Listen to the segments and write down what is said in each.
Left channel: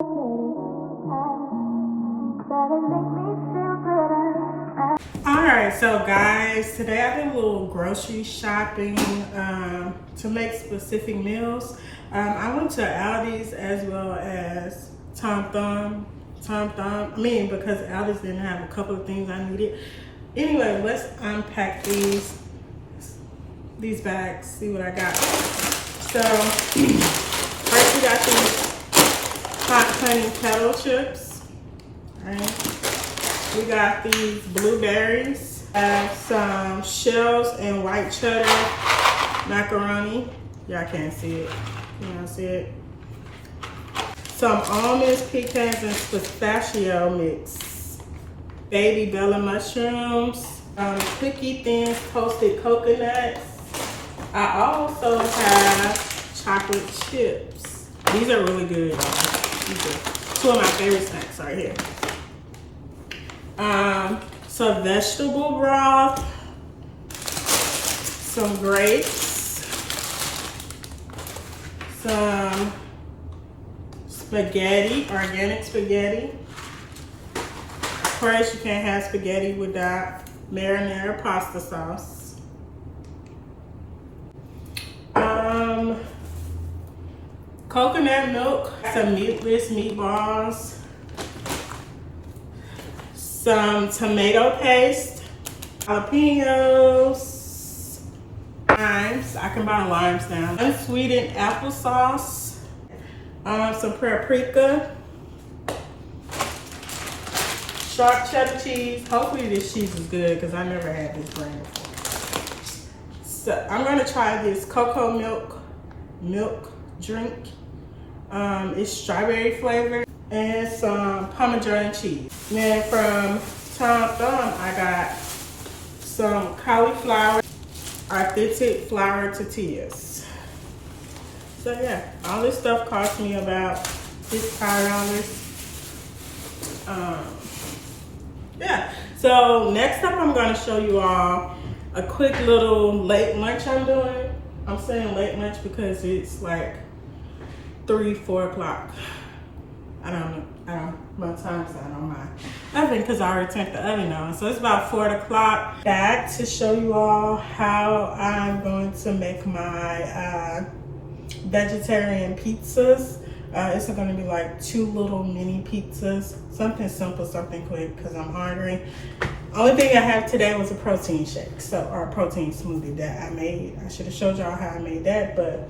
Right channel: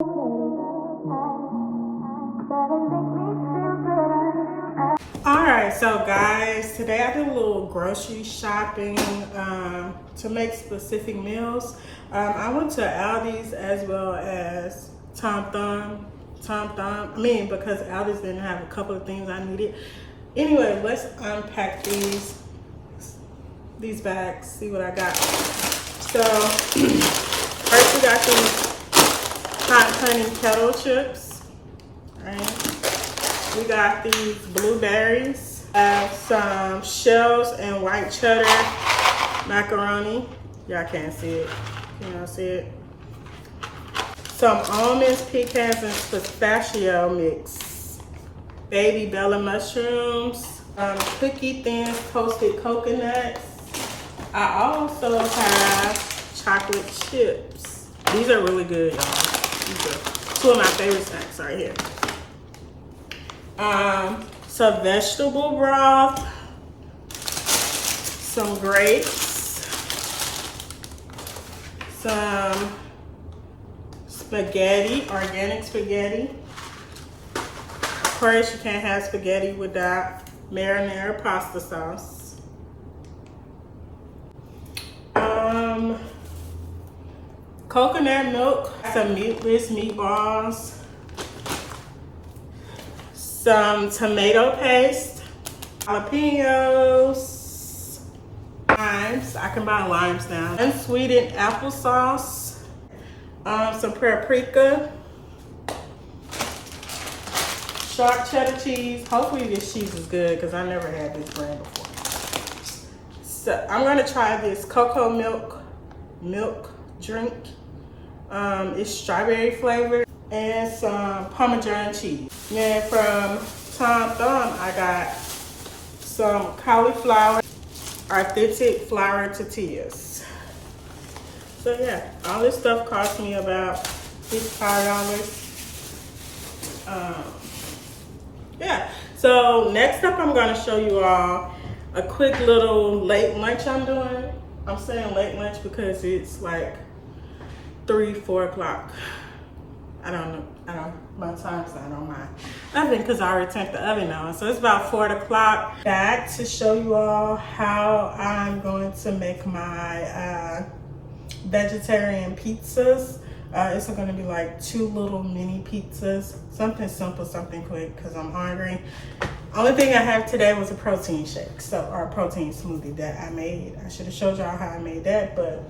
Alright, so guys, today I did a little grocery shopping to make specific meals. I went to Aldi's as well as Tom Thumb. Because Aldi's didn't have a couple of things I needed. Anyway, let's unpack these bags, see what I got. So, first we got these hot honey kettle chips. Alright. We got these blueberries, some shells and white cheddar macaroni. Y'all can't see it. You know, see it? Some almonds, pecans, and pistachio mix. Baby Bella mushrooms, cookie thins, toasted coconuts. I also have chocolate chips. These are really good, y'all. These are two of my favorite snacks right here. Some vegetable broth, some grapes, some spaghetti, organic spaghetti. Of course, you can't have spaghetti without marinara pasta sauce. Coconut milk, some meatless meatballs, some tomato paste, jalapenos, limes. I can buy limes now. Unsweetened applesauce, some paprika, sharp cheddar cheese. Hopefully this cheese is good because I never had this brand before. So I'm gonna try this cocoa milk drink. It's strawberry flavored. And some Parmesan cheese. Then from Tom Thumb, I got some cauliflower, authentic flour tortillas. So yeah, all this stuff cost me about $55. Yeah, so next up I'm gonna show you all a quick little late lunch I'm doing. I'm saying late lunch because it's like 3-4 o'clock. I don't know, my time's not on my oven because I already turned the oven on. So it's about 4 o'clock. Back to show you all how I'm going to make my vegetarian pizzas. It's gonna be like 2 little mini pizzas. Something simple, something quick because I'm hungry. Only thing I have today was a protein shake, or a protein smoothie that I made. I should have showed y'all how I made that, but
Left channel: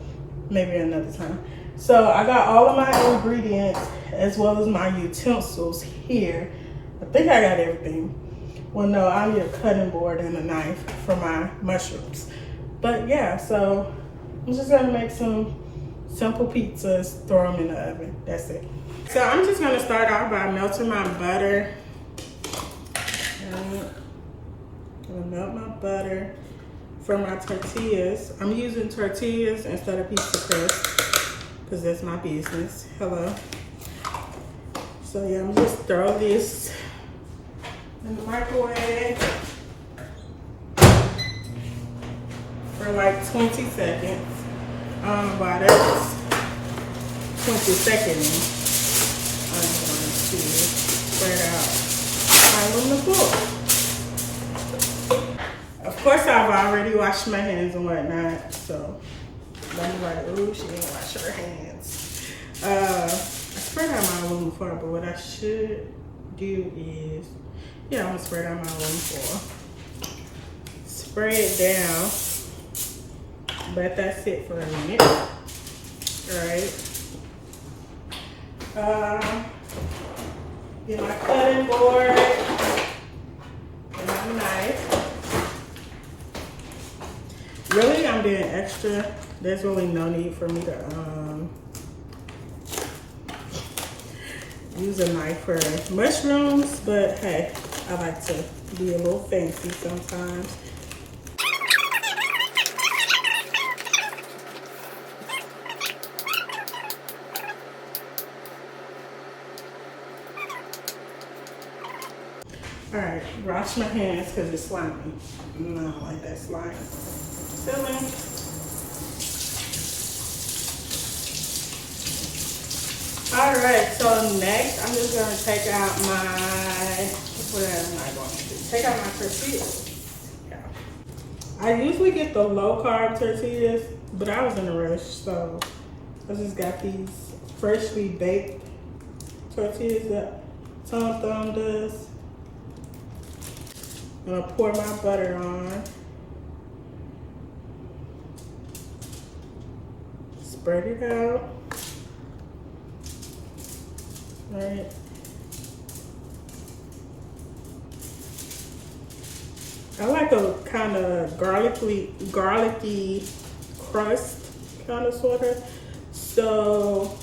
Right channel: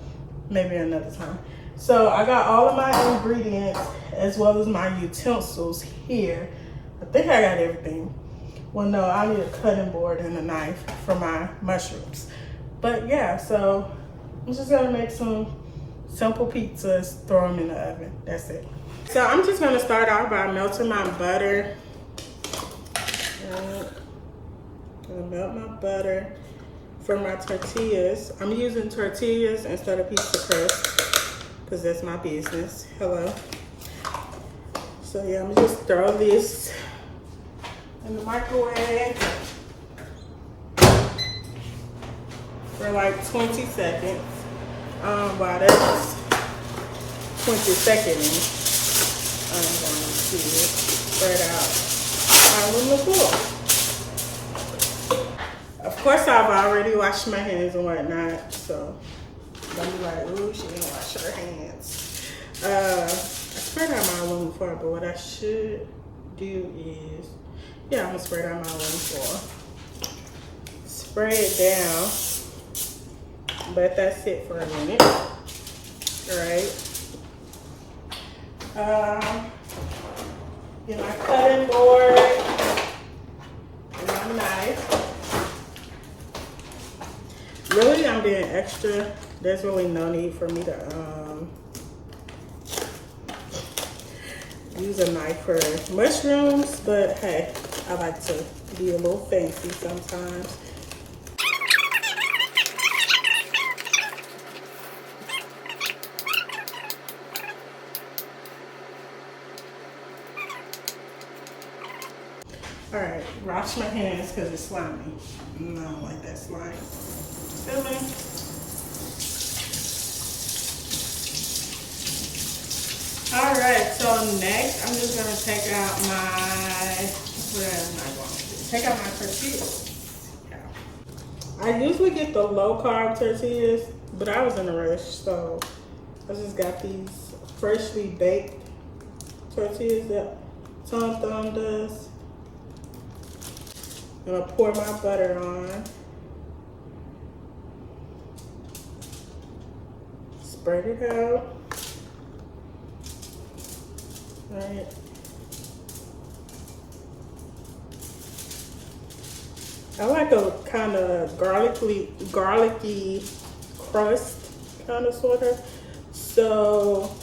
maybe another time. So I got all of my ingredients as well as my utensils here. I think I got everything. Well, no, I need a cutting board and a knife for my mushrooms. But yeah, so I'm just gonna make some simple pizzas, throw them in the oven. That's it. So I'm just gonna start off by melting my butter. I'm gonna melt my butter for my tortillas. I'm using tortillas instead of pizza crust, because that's my business. Hello. So yeah, I'm just throw this in the microwave for like 20 seconds. While that's 20 seconds, I'm going to spread out all on the floor. Of course, I've already washed my hands and whatnot, so I'm like, ooh, she didn't wash her hands. I spread out my aluminum foil, but what I should do is, yeah, I'm gonna spread out my aluminum foil. Spray it down. Let that sit for a minute. Alright. Get my cutting board and my knife. Really, I'm being extra. There's really no need for me to use a knife for mushrooms, but hey, I like to be a little fancy sometimes. All right, wash my hands because it's slimy. I don't like that slime. Filming. All right, so next I'm just gonna take out my, what am I going to do? Take out my tortillas. Yeah. I usually get the low carb tortillas, but I was in a rush, so I just got these freshly baked tortillas that Tom Thumb does. I'm gonna pour my butter on. Spread it out. All right. I like a kind of garlicky crust, kind of sort of. So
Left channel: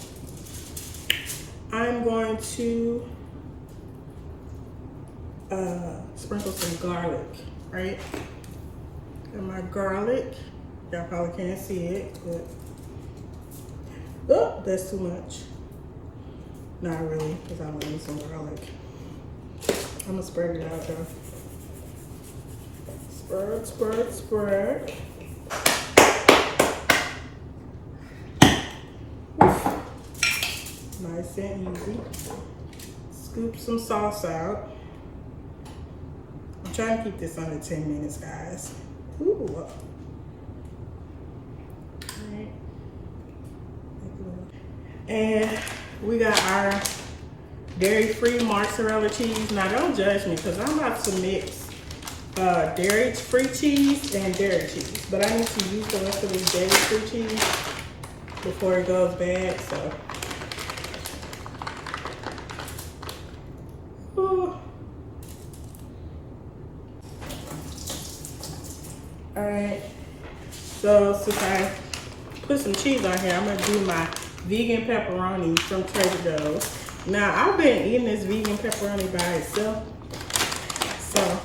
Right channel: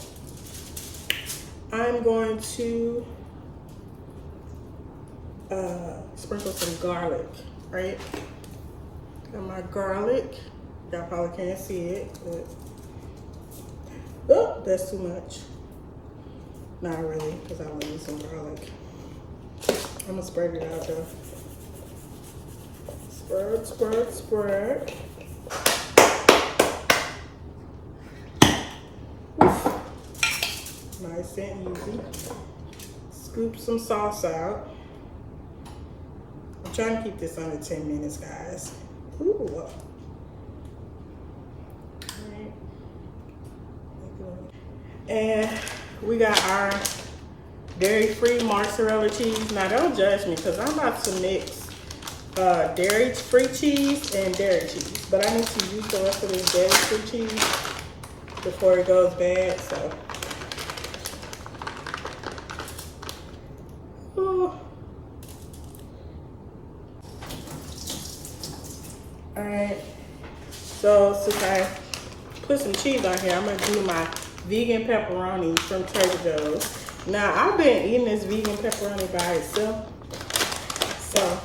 I'm going to sprinkle some garlic, right? And my garlic, y'all probably can't see it, but oh, that's too much. Not really, because I want use some garlic. I'm gonna spread it out though. Spread, spread, spread. Oof. Nice and easy. Scoop some sauce out. I'm trying to keep this under 10 minutes, guys. Ooh. Right. And we got our dairy-free mozzarella cheese. Now don't judge me, because I'm about to mix dairy-free cheese and dairy cheese. But I need to use the rest of this dairy-free cheese before it goes bad, so. Ooh. All right, so since I put some cheese on here, I'm gonna do my vegan pepperoni from Trader Joe's. Now, I've been eating this vegan pepperoni by itself, so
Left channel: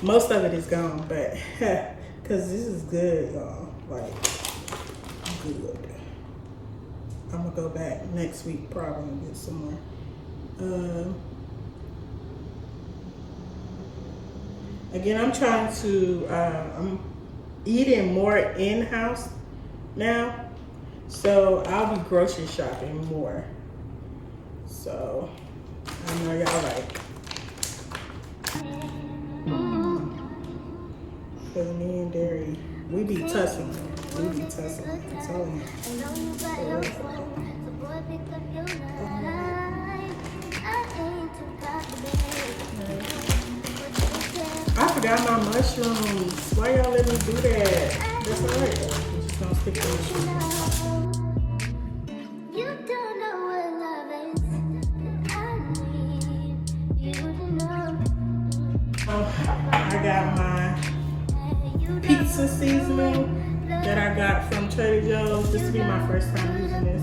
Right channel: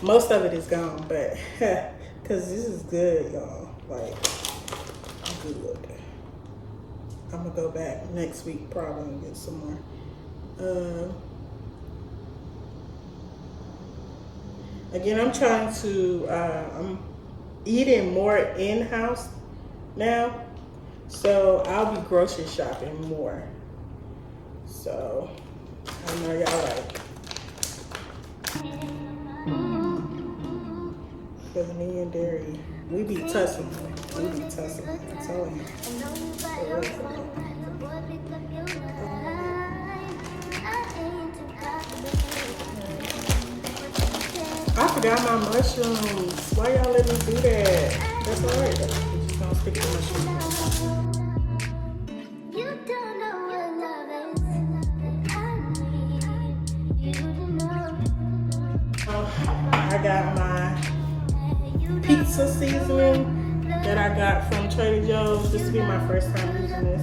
most of it is gone, but because this is good, y'all, like, good. I'm gonna go back next week probably and get some more. Again, I'm trying to, I'm eating more in-house now, so I'll be grocery shopping more. So, I know y'all like. Because me and Dairy, we be tussling. We be tussling. I told him. I forgot my mushrooms. Why y'all let me do that? That's alright though. We just gonna stick to mushrooms. You don't know what love is. I need you to know. I got my pizza seasoning that I got from Trader Joe's. This will be my first time using this.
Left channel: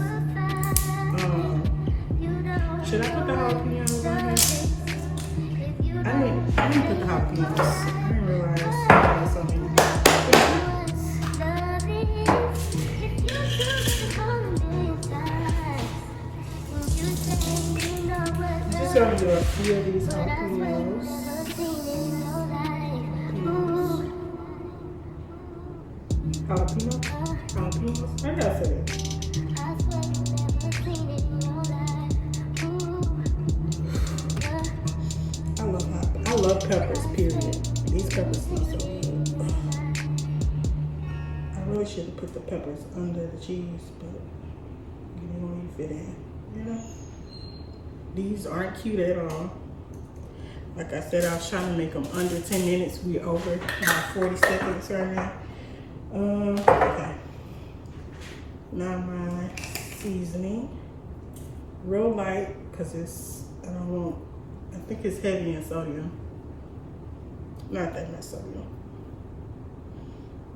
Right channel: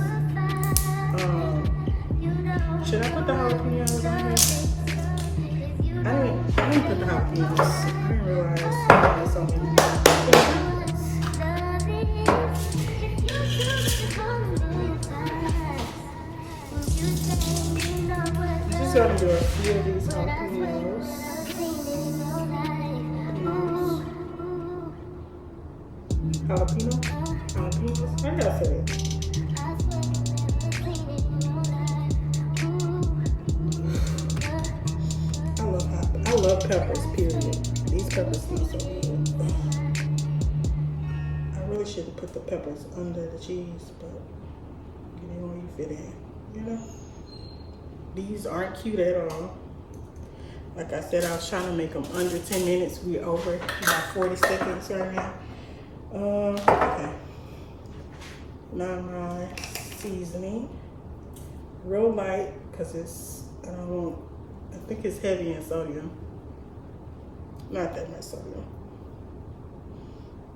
Should I put the jalapenos on here? I didn't put the jalapenos. I didn't realize there was so many. Just gonna do a few of these jalapenos. Jalapenos? I gotta say it. I love peppers, period. These peppers smell so good. I really should have put the peppers under the cheese, but you know where you fit in, you know? These aren't cute at all. Like I said, I was trying to make them under 10 minutes. We're over about 40 seconds right now. Okay. Now my seasoning. Real light, because it's, I think it's heavy in sodium. Not that much sodium.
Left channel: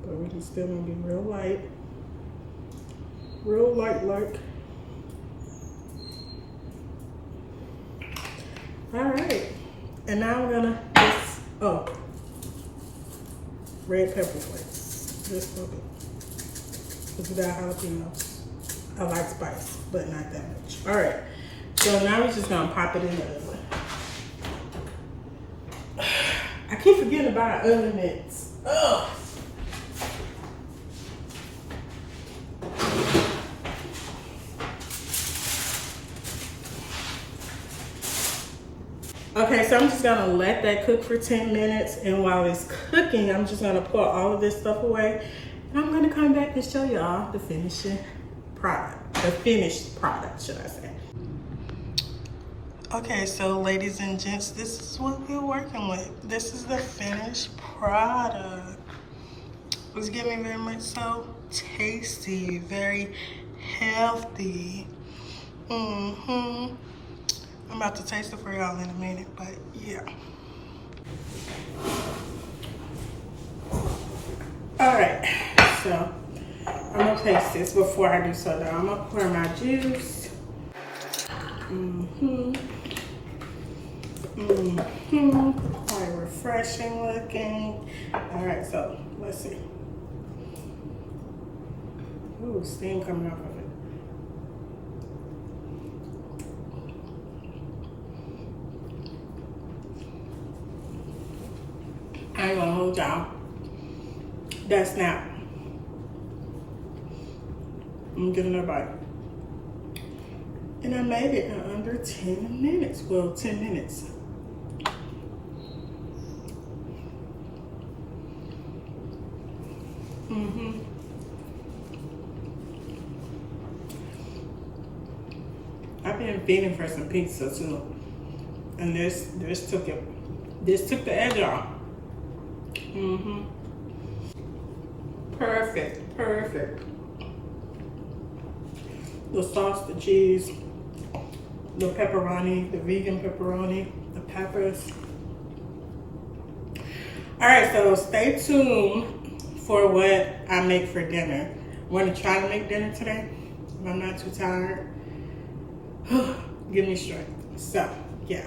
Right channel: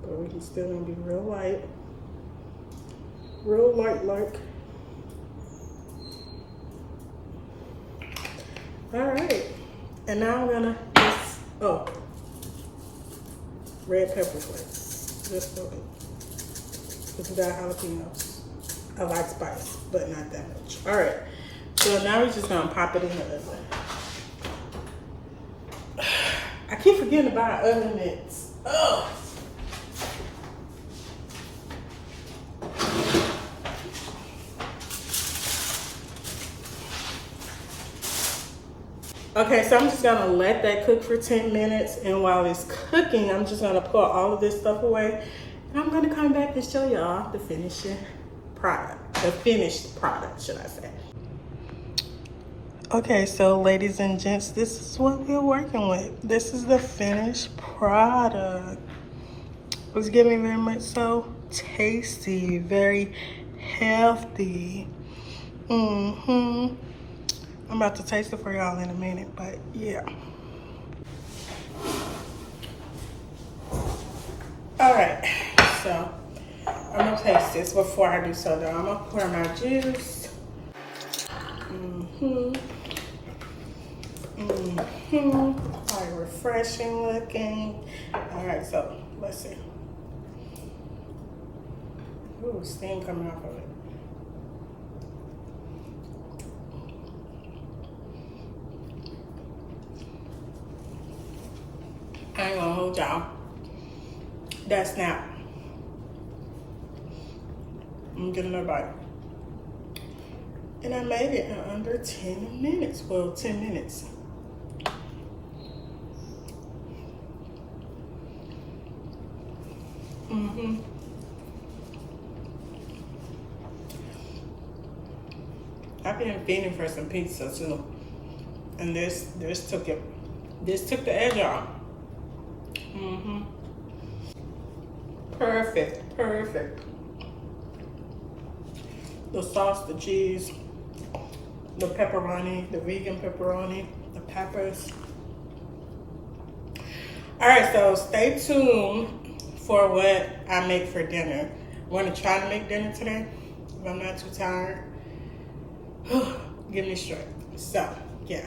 But we're just still gonna be real light. Real light like. All right. And now I'm gonna just, red pepper flakes. Just a little bit. Because we got jalapenos. I like spice, but not that much. All right. So now we're just gonna pop it in the oven. I keep forgetting to buy oven mitts. Ugh. Okay, so I'm just gonna let that cook for 10 minutes, and while it's cooking, I'm just gonna put all of this stuff away, and I'm gonna come back and show y'all the finishing product, the finished product, should I say. Okay, so ladies and gents, this is what we're working with. This is the finished product. It's giving very much so tasty, very healthy. I'm about to taste it for y'all in a minute, but yeah. All right, so I'm gonna taste this before I do so though. I'm gonna pour my juice. Quite refreshing looking. All right, so let's see. Ooh, steam coming off of it. I ain't gonna hold y'all. That snap. I'm getting a bite. And I made it in under 10 minutes. Well, 10 minutes. I've been feeding for some pizza too. And this took it. This took the edge off. Perfect, perfect. The sauce, the cheese, the pepperoni, the vegan pepperoni, the peppers. All right, so stay tuned for what I make for dinner. I'm gonna try to make dinner today, if I'm not too tired. Give me strength. So, yeah.